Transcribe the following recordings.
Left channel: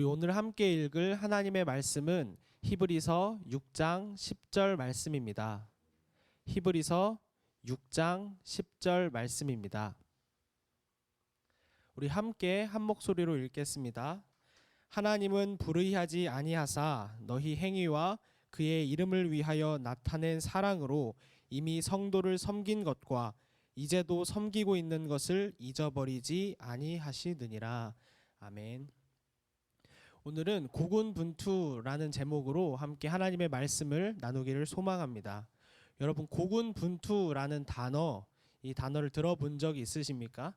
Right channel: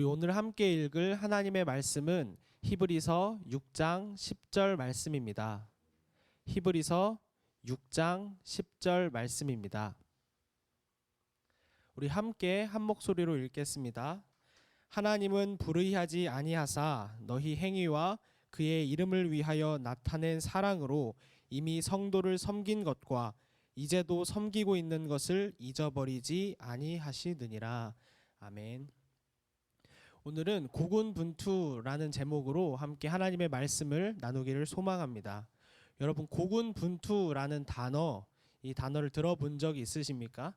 우리 오늘 함께 읽을 하나님의 말씀은 히브리서 6장 10절 말씀입니다. 히브리서 6장 10절 말씀입니다. 우리 함께 한 목소리로 읽겠습니다. 하나님은 불의하지 아니하사 너희 행위와 그의 이름을 위하여 나타낸 사랑으로 이미 성도를 섬긴 것과 이제도 섬기고 있는 것을 잊어버리지 아니하시느니라. 아멘. 오늘은 고군분투라는 제목으로 함께 하나님의 말씀을 나누기를 소망합니다. 여러분, 고군분투라는 단어, 이 단어를 들어본 적이 있으십니까?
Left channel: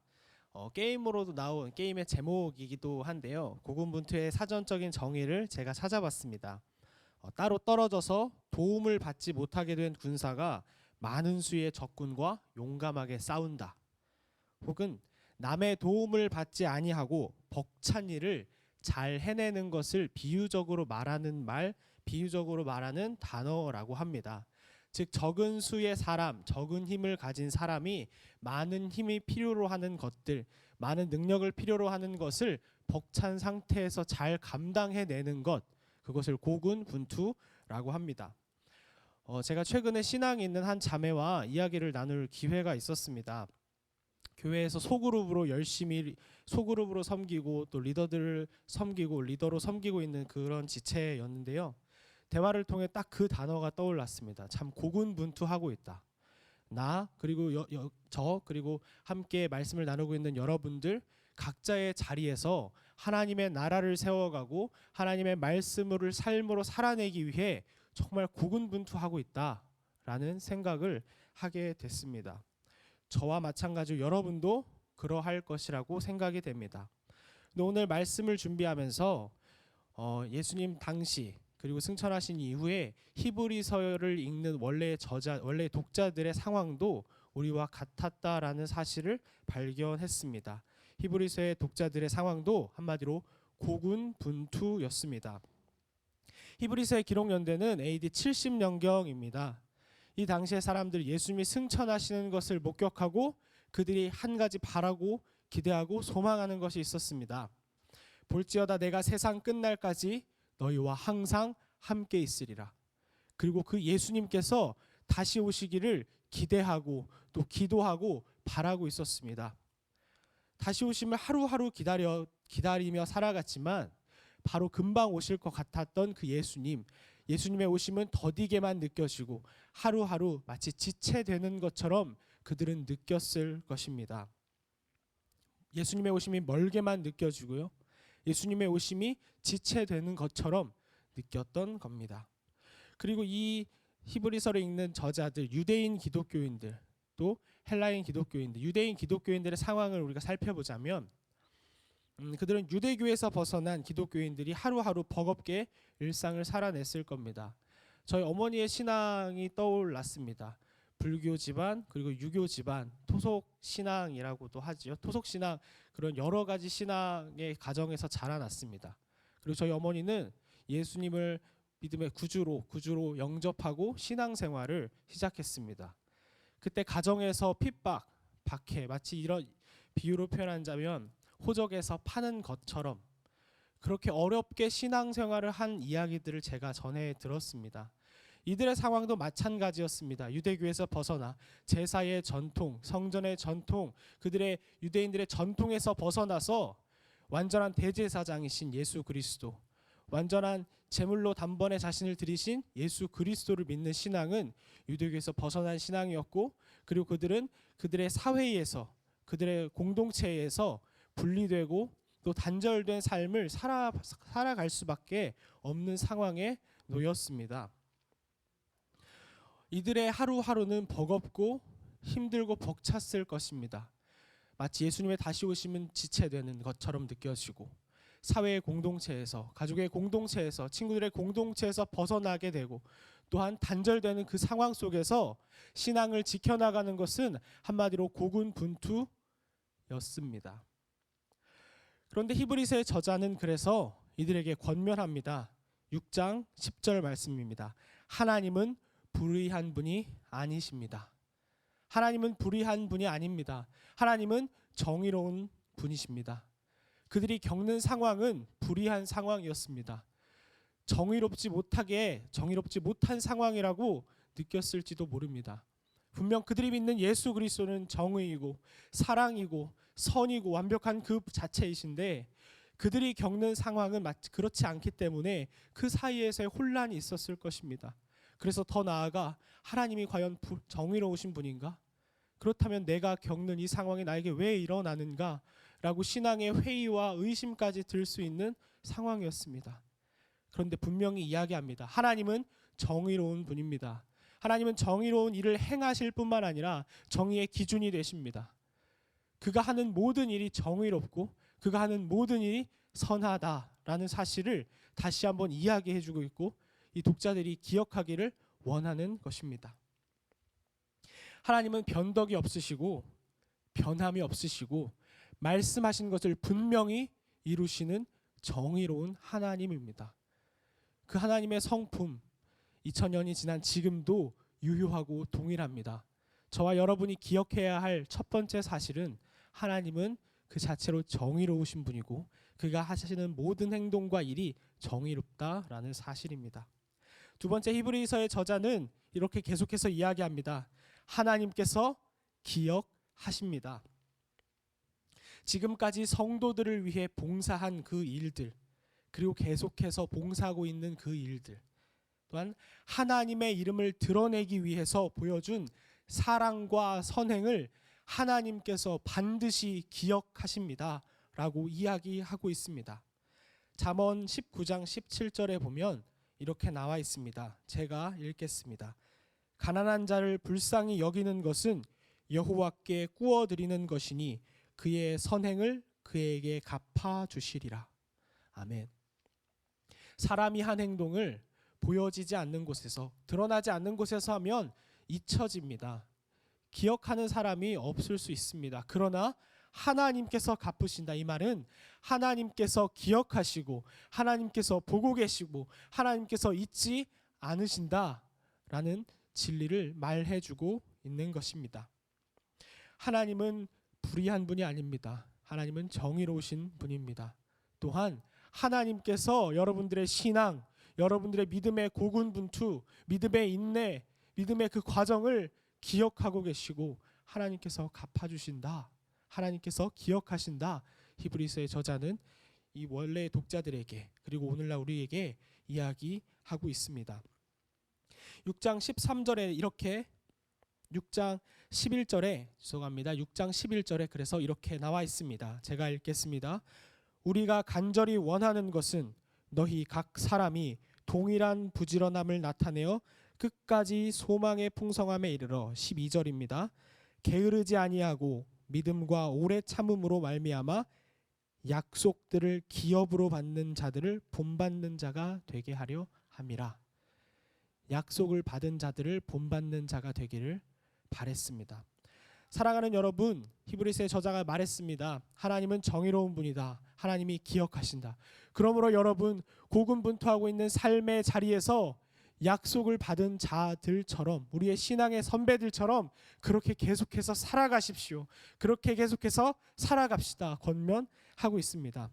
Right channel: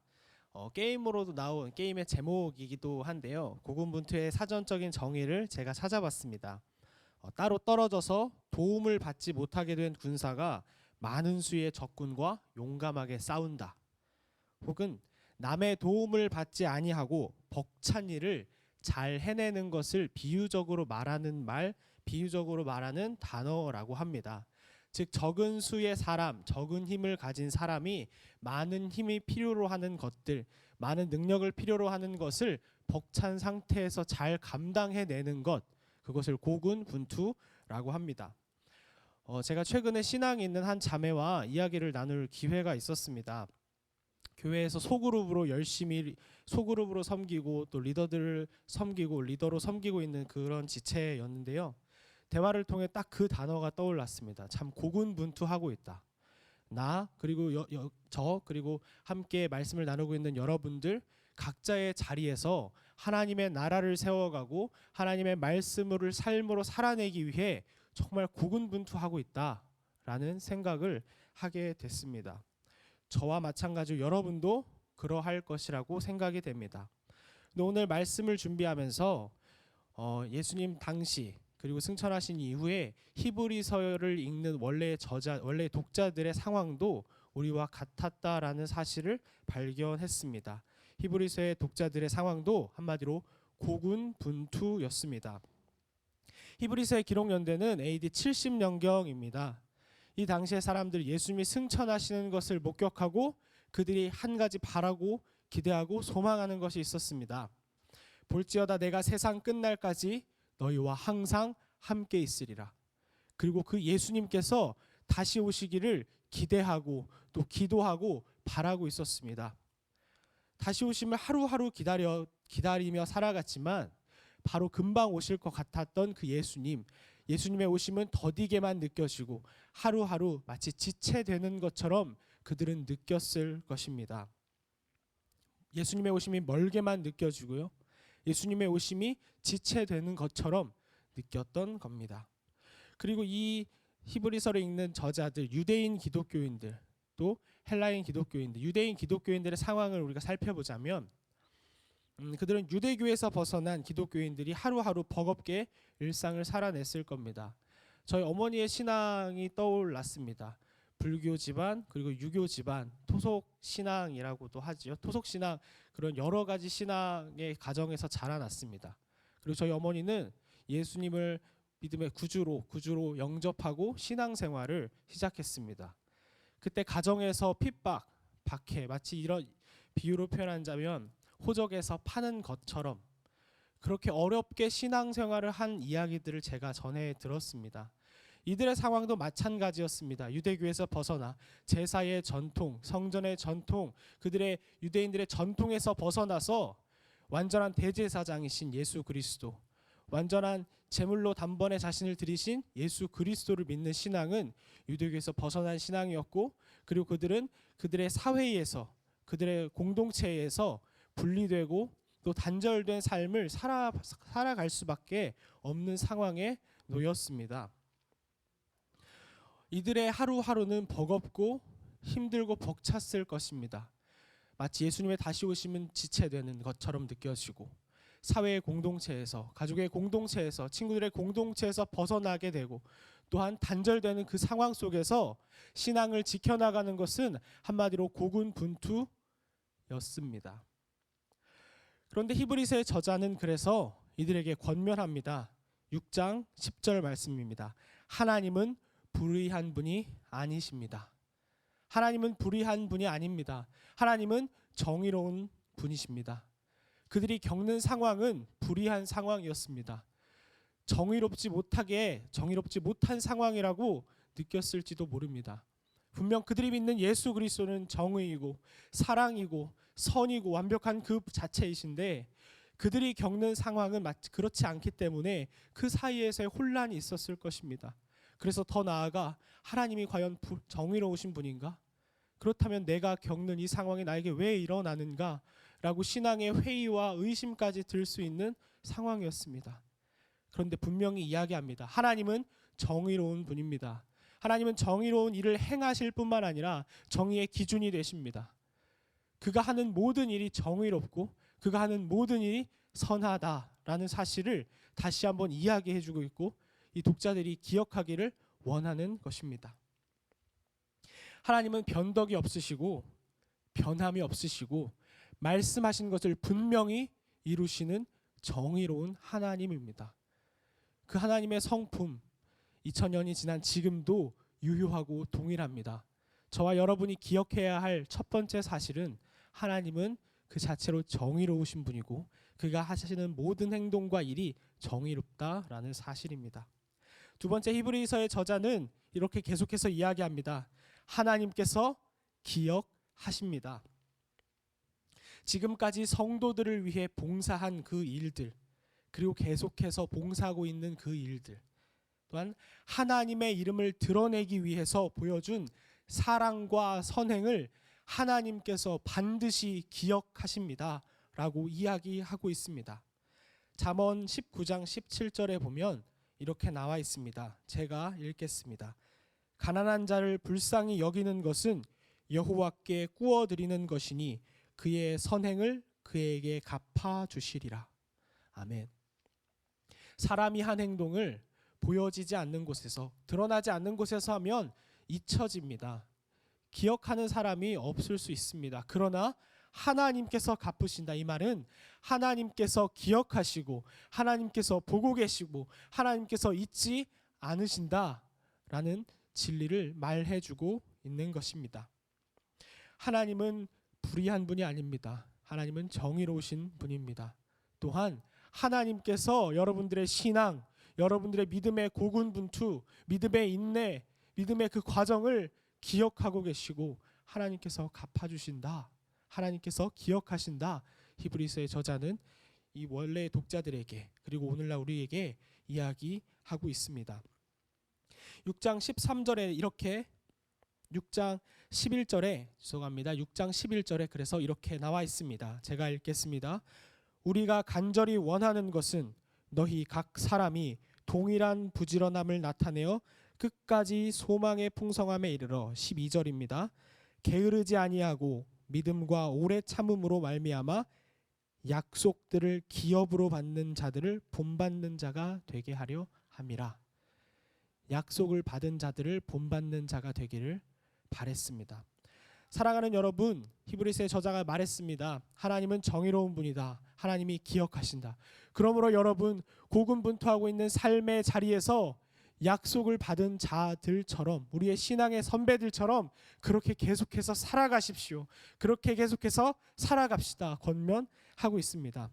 게임으로도 나온 게임의 제목이기도 한데요. 고군분투의 사전적인 정의를 제가 찾아봤습니다. 따로 떨어져서 도움을 받지 못하게 된 군사가 많은 수의 적군과 용감하게 싸운다. 혹은 남의 도움을 받지 아니하고 벅찬 일을 잘 해내는 것을 비유적으로 말하는 단어라고 합니다. 즉, 적은 수의 사람, 적은 힘을 가진 사람이 많은 힘이 필요로 하는 것들, 많은 능력을 필요로 하는 것을 벅찬 상태에서 잘 감당해내는 것, 그것을 고군분투라고 합니다. 제가 최근에 신앙이 있는 한 자매와 이야기를 나눌 기회가 있었습니다. 교회에서 소그룹으로 섬기고 또 리더들을 섬기고 리더로 섬기고 있는 그런 지체였는데요. 대화를 통해 딱 그 단어가 떠올랐습니다. 참 고군분투하고 있다. 나 그리고 저 그리고 함께 말씀을 나누고 있는 여러분들 각자의 자리에서 하나님의 나라를 세워가고 하나님의 말씀을 삶으로 살아내기 위해 정말 고군분투하고 있다라는 생각을 하게 됐습니다. 저와 마찬가지로 여러분도 그러할 것이라고 생각이 됩니다. 오늘 말씀을 준비하면서 예수님 당시 그리고 승천하신 이후에 히브리서를 읽는 원래 독자들의 상황도 우리와 같았다라는 사실을 발견했습니다. 히브리서의 독자들의 상황도 한마디로 고군분투였습니다. 히브리서의 기록 연대는 AD 70년경입니다. 이 당시의 사람들 예수님이 승천하시는 것을 목격하고 그들이 한 가지 바라고 기대하고 소망하는 것이 있었습니다. 볼지어다 내가 세상 끝날까지 너희와 항상 함께 있으리라. 그리고 그 예수님께서 다시 오시기를 기대하고 또 기도하고 바라고 있었습니다. 다시 오심을 하루하루 기다리며 살아갔지만 바로 금방 오실 것 같았던 그 예수님의 오심은 더디게만 느껴지고 하루하루 마치 지체되는 것처럼 그들은 느꼈을 것입니다. 예수님의 오심이 멀게만 느껴지고요. 예수님의 오심이 지체되는 것처럼 느꼈던 겁니다. 그리고 이 히브리서를 읽는 저자들, 유대인 기독교인들, 또 헬라인 기독교인들, 유대인 기독교인들의 상황을 우리가 살펴보자면 그들은 유대교에서 벗어난 기독교인들이 하루하루 버겁게 일상을 살아냈을 겁니다. 저희 어머니의 신앙이 떠올랐습니다. 불교 집안 그리고 유교 집안 토속 신앙이라고도 하지요. 토속 신앙 그런 여러 가지 신앙의 가정에서 자라났습니다. 그리고 저희 어머니는 예수님을 믿음의 구주로 영접하고 신앙생활을 시작했습니다. 그때 가정에서 핍박, 박해, 마치 이런 비유로 표현하자면 호적에서 파는 것처럼 그렇게 어렵게 신앙생활을 한 이야기들을 제가 전해 들었습니다. 이들의 상황도 마찬가지였습니다. 유대교에서 벗어나 제사의 전통, 성전의 전통, 그들의 유대인들의 전통에서 벗어나서 완전한 대제사장이신 예수 그리스도, 완전한 제물로 단번에 자신을 드리신 예수 그리스도를 믿는 신앙은 유대교에서 벗어난 신앙이었고, 그리고 그들은 그들의 사회에서 그들의 공동체에서 분리되고 또 단절된 삶을 살아갈 수밖에 없는 상황에 놓였습니다. 이들의 하루하루는 버겁고 힘들고 벅찼을 것입니다. 마치 예수님의 다시 오심은 지체되는 것처럼 느껴지고 사회의 공동체에서, 가족의 공동체에서, 친구들의 공동체에서 벗어나게 되고 또한 단절되는 그 상황 속에서 신앙을 지켜나가는 것은 한마디로 고군분투였습니다. 그런데 히브리서의 저자는 그래서 이들에게 권면합니다. 6장 10절 말씀입니다. 하나님은 불의한 분이 아니십니다. 하나님은 불의한 분이 아닙니다. 하나님은 정의로운 분이십니다. 그들이 겪는 상황은 불의한 상황이었습니다. 정의롭지 못한 상황이라고 느꼈을지도 모릅니다. 분명 그들이 믿는 예수 그리스도는 정의이고 사랑이고 선이고 완벽한 그 자체이신데 그들이 겪는 상황은 그렇지 않기 때문에 그 사이에서의 혼란이 있었을 것입니다. 그래서 더 나아가 하나님이 과연 정의로우신 분인가? 그렇다면 내가 겪는 이 상황이 나에게 왜 일어나는가? 라고 신앙의 회의와 의심까지 들 수 있는 상황이었습니다. 그런데 분명히 이야기합니다. 하나님은 정의로운 분입니다. 하나님은 정의로운 일을 행하실 뿐만 아니라 정의의 기준이 되십니다. 그가 하는 모든 일이 정의롭고 그가 하는 모든 일이 선하다라는 사실을 다시 한번 이야기해주고 있고 이 독자들이 기억하기를 원하는 것입니다. 하나님은 변덕이 없으시고 변함이 없으시고 말씀하신 것을 분명히 이루시는 정의로운 하나님입니다. 그 하나님의 성품 2000년이 지난 지금도 유효하고 동일합니다. 저와 여러분이 기억해야 할 첫 번째 사실은 하나님은 그 자체로 정의로우신 분이고 그가 하시는 모든 행동과 일이 정의롭다라는 사실입니다. 두 번째, 히브리서의 저자는 이렇게 계속해서 이야기합니다. 하나님께서 기억하십니다. 지금까지 성도들을 위해 봉사한 그 일들, 그리고 계속해서 봉사하고 있는 그 일들, 또한 하나님의 이름을 드러내기 위해서 보여준 사랑과 선행을 하나님께서 반드시 기억하십니다 라고 이야기하고 있습니다. 잠언 19장 17절에 보면 이렇게 나와 있습니다. 제가 읽겠습니다. 가난한 자를 불쌍히 여기는 것은 여호와께 꾸어드리는 것이니 그의 선행을 그에게 갚아주시리라. 아멘. 사람이 한 행동을 보여지지 않는 곳에서, 드러나지 않는 곳에서 하면 잊혀집니다. 기억하는 사람이 없을 수 있습니다. 그러나 하나님께서 갚으신다. 이 말은 하나님께서 기억하시고 하나님께서 보고 계시고 하나님께서 잊지 않으신다라는 진리를 말해주고 있는 것입니다. 하나님은 불의한 분이 아닙니다. 하나님은 정의로우신 분입니다. 또한 하나님께서 여러분들의 신앙, 여러분들의 믿음의 고군분투, 믿음의 인내, 믿음의 그 과정을 기억하고 계시고 하나님께서 갚아주신다. 하나님께서 기억하신다. 히브리서의 저자는 이 원래의 독자들에게 그리고 오늘날 우리에게 이야기하고 있습니다. 6장 13절에 이렇게 6장 11절에 그래서 이렇게 나와 있습니다. 제가 읽겠습니다. 우리가 간절히 원하는 것은 너희 각 사람이 동일한 부지런함을 나타내어 끝까지 소망의 풍성함에 이르러 12절입니다. 게으르지 아니하고 믿음과 오래 참음으로 말미암아 약속들을 기업으로 받는 자들을 본받는 자가 되게 하려 함이라. 약속을 받은 자들을 본받는 자가 되기를 바랬습니다. 사랑하는 여러분, 히브리서의 저자가 말했습니다. 하나님은 정의로운 분이다. 하나님이 기억하신다. 그러므로 여러분, 고군분투하고 있는 삶의 자리에서 약속을 받은 자들처럼, 우리의 신앙의 선배들처럼 그렇게 계속해서 살아가십시오. 그렇게 계속해서 살아갑시다. 권면하고 있습니다.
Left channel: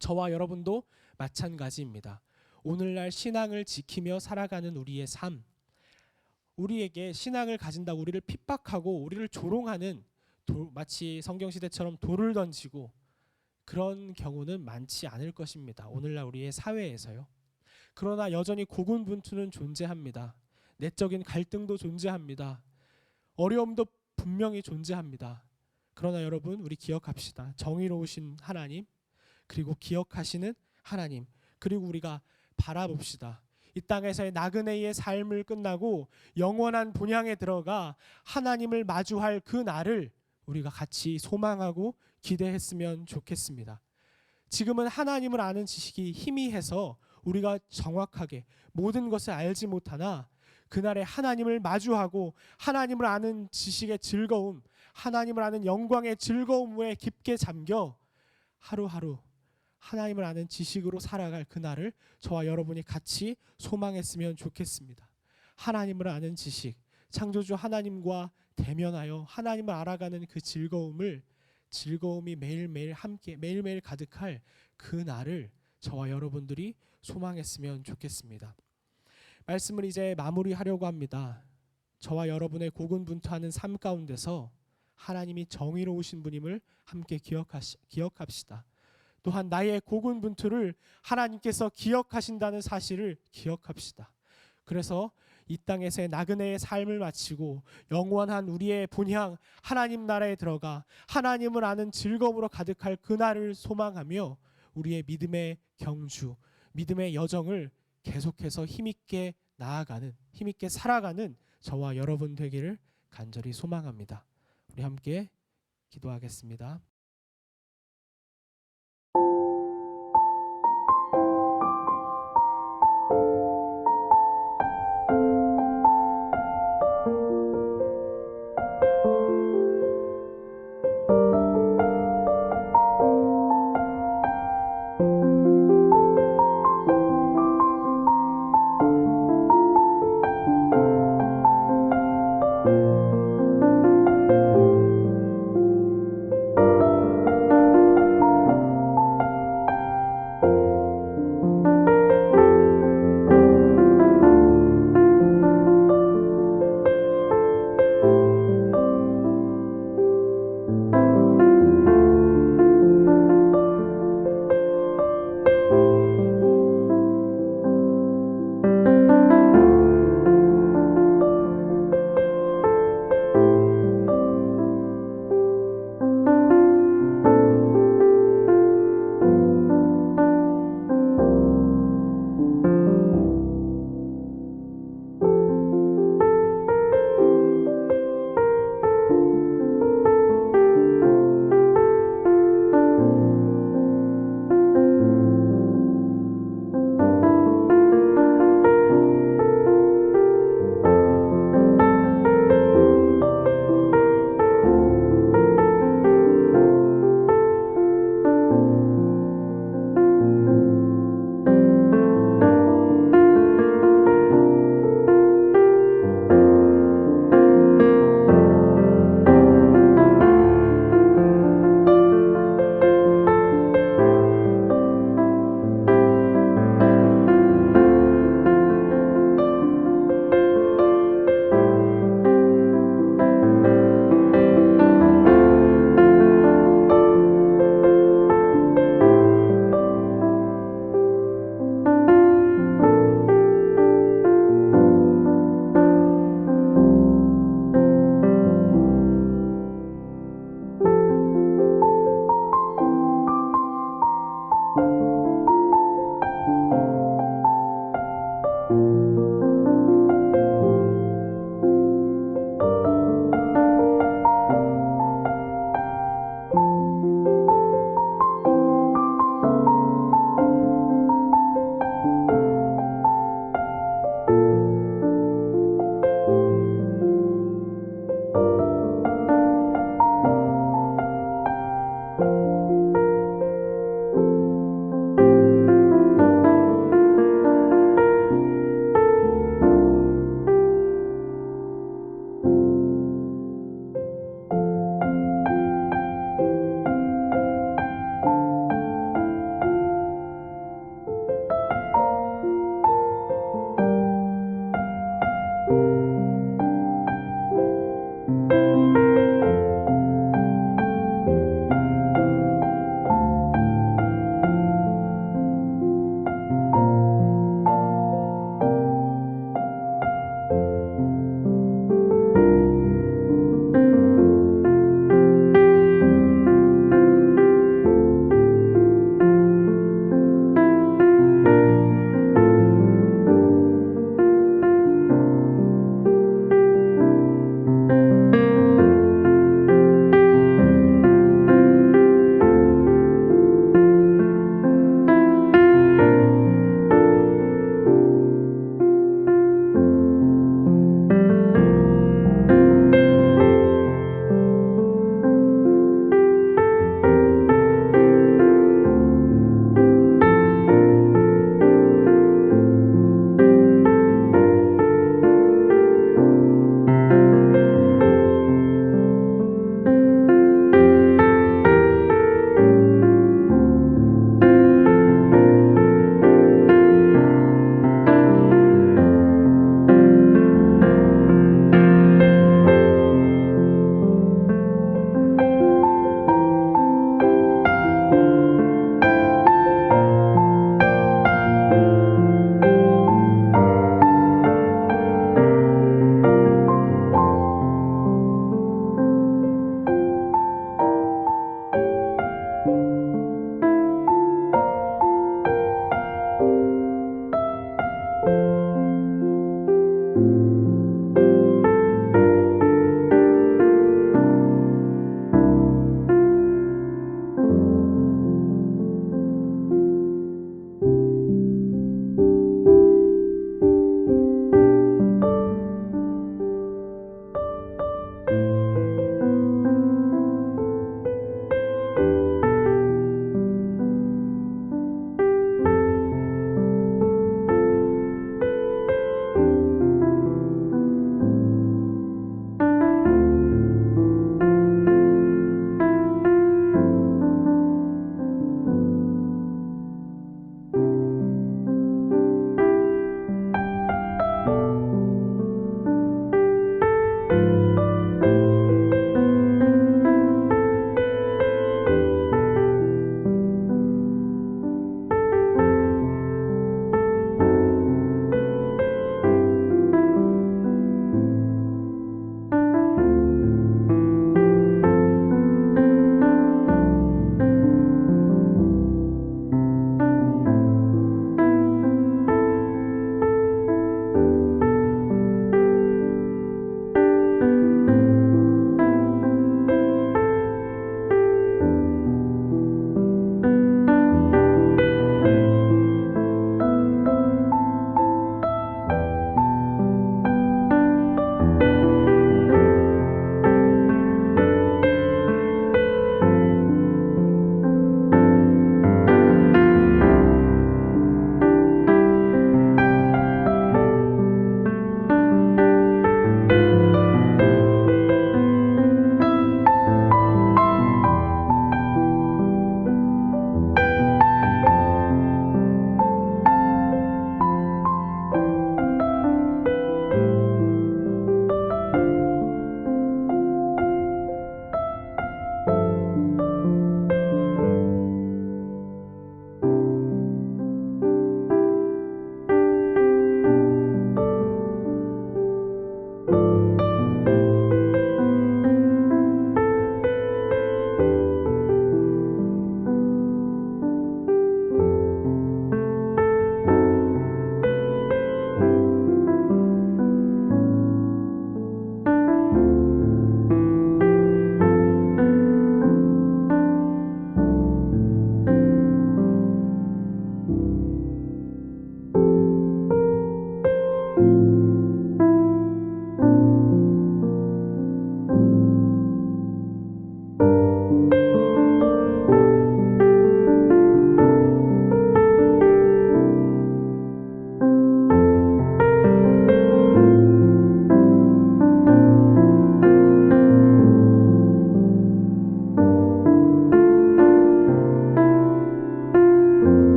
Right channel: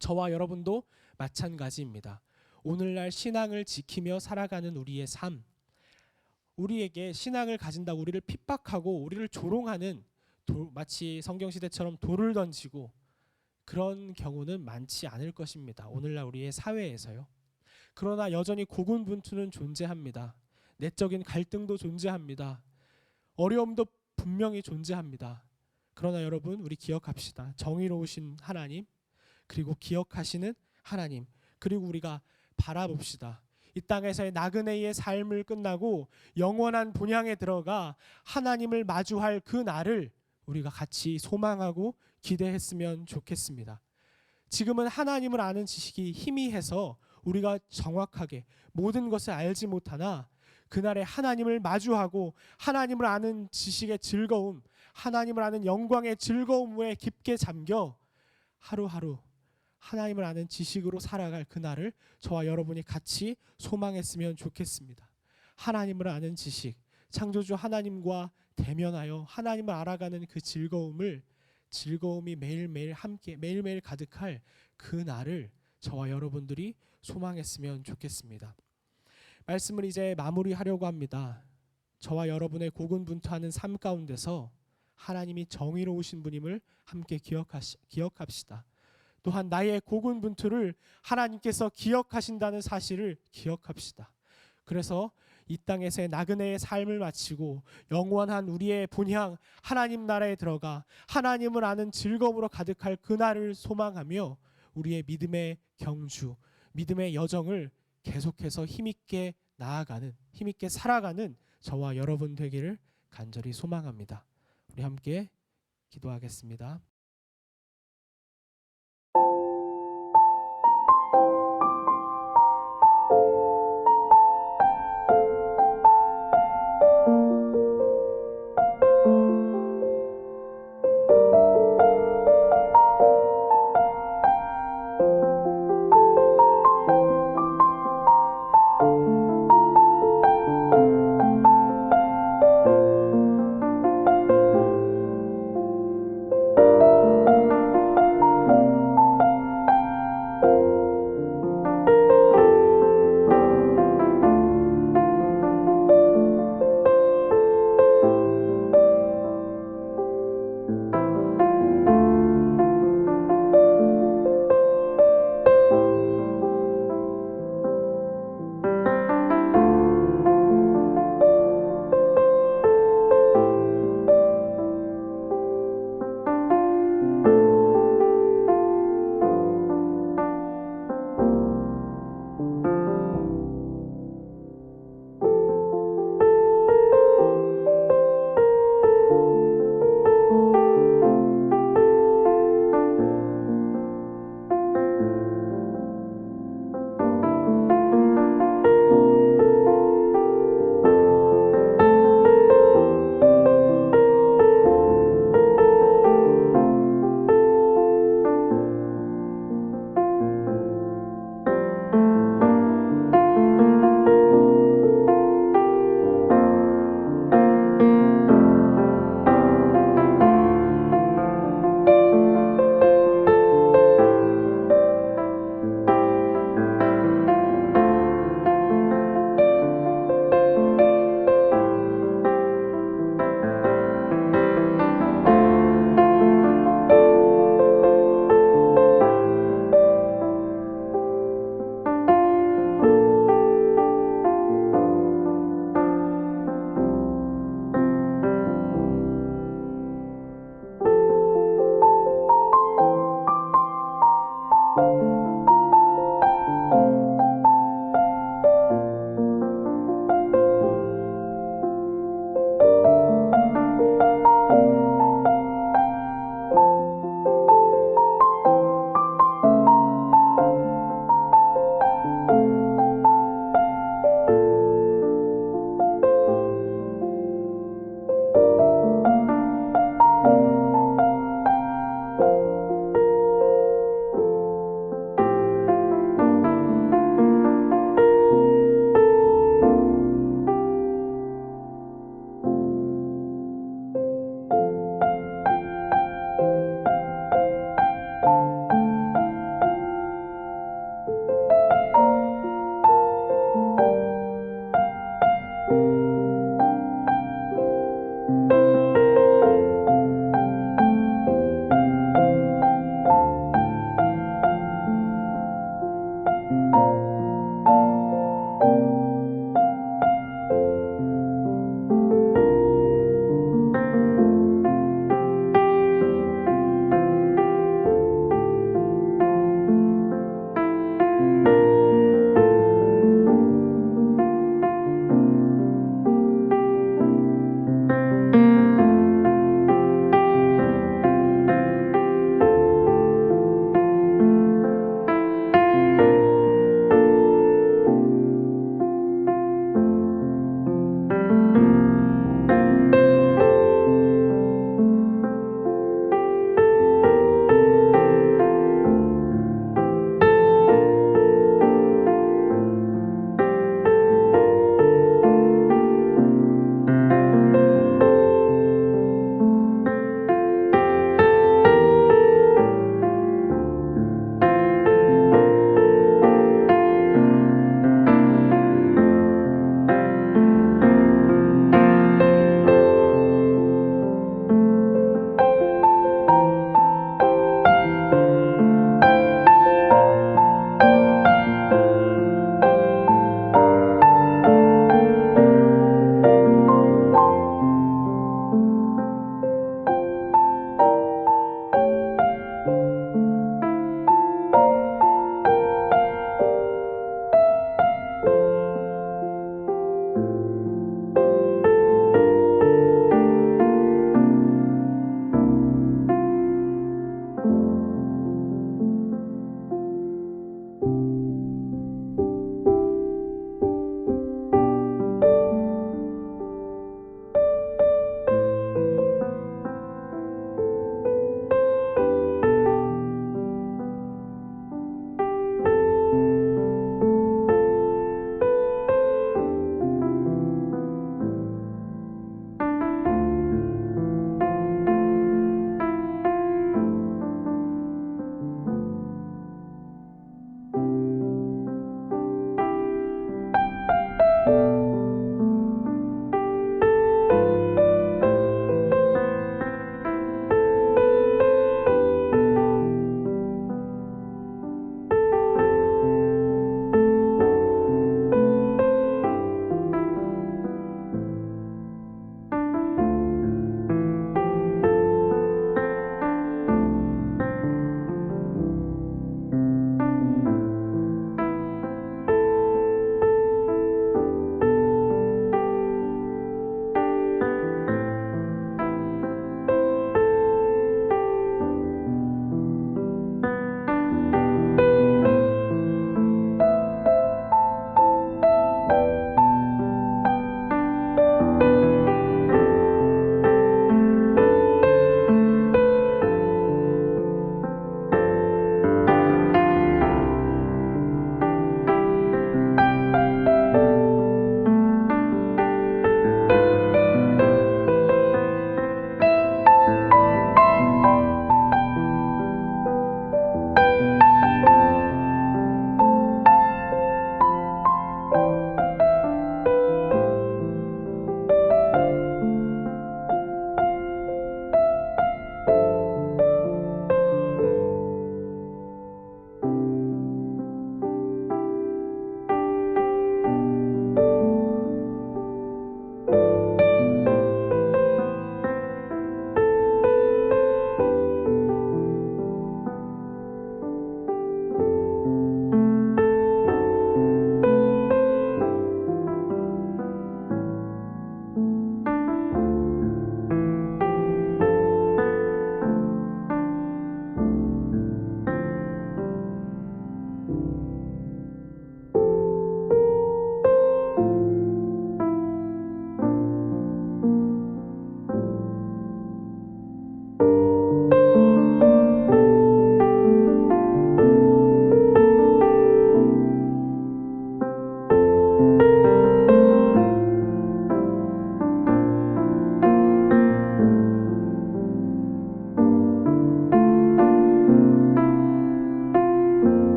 저와 여러분도 마찬가지입니다. 오늘날 신앙을 지키며 살아가는 우리의 삶, 우리에게 신앙을 가진다고 우리를 핍박하고 우리를 조롱하는 마치 성경시대처럼 돌을 던지고 그런 경우는 많지 않을 것입니다. 오늘날 우리의 사회에서요. 그러나 여전히 고군분투는 존재합니다. 내적인 갈등도 존재합니다. 어려움도 분명히 존재합니다. 그러나 여러분, 우리 기억합시다. 정의로우신 하나님, 그리고 기억하시는 하나님, 그리고 우리가 바라봅시다. 이 땅에서의 나그네의 삶을 끝나고 영원한 본향에 들어가 하나님을 마주할 그 날을 우리가 같이 소망하고 기대했으면 좋겠습니다. 지금은 하나님을 아는 지식이 희미해서 우리가 정확하게 모든 것을 알지 못하나 그날에 하나님을 마주하고 하나님을 아는 지식의 즐거움, 하나님을 아는 영광의 즐거움에 깊게 잠겨 하루하루 하나님을 아는 지식으로 살아갈 그날을 저와 여러분이 같이 소망했으면 좋겠습니다. 하나님을 아는 지식, 창조주 하나님과 대면하여 하나님을 알아가는 그 즐거움을 즐거움이 매일매일 함께 매일매일 가득할 그 날을 저와 여러분들이 소망했으면 좋겠습니다. 말씀을 이제 마무리하려고 합니다. 저와 여러분의 고군분투하는 삶 가운데서 하나님이 정의로우신 분임을 함께 기억합시다. 또한 나의 고군분투를 하나님께서 기억하신다는 사실을 기억합시다. 그래서 이 땅에서의 나그네의 삶을 마치고 영원한 우리의 본향 하나님 나라에 들어가 하나님을 아는 즐거움으로 가득할 그날을 소망하며 우리의 믿음의 경주, 믿음의 여정을 계속해서 힘있게 나아가는, 힘있게 살아가는 저와 여러분 되기를 간절히 소망합니다. 우리 함께 기도하겠습니다.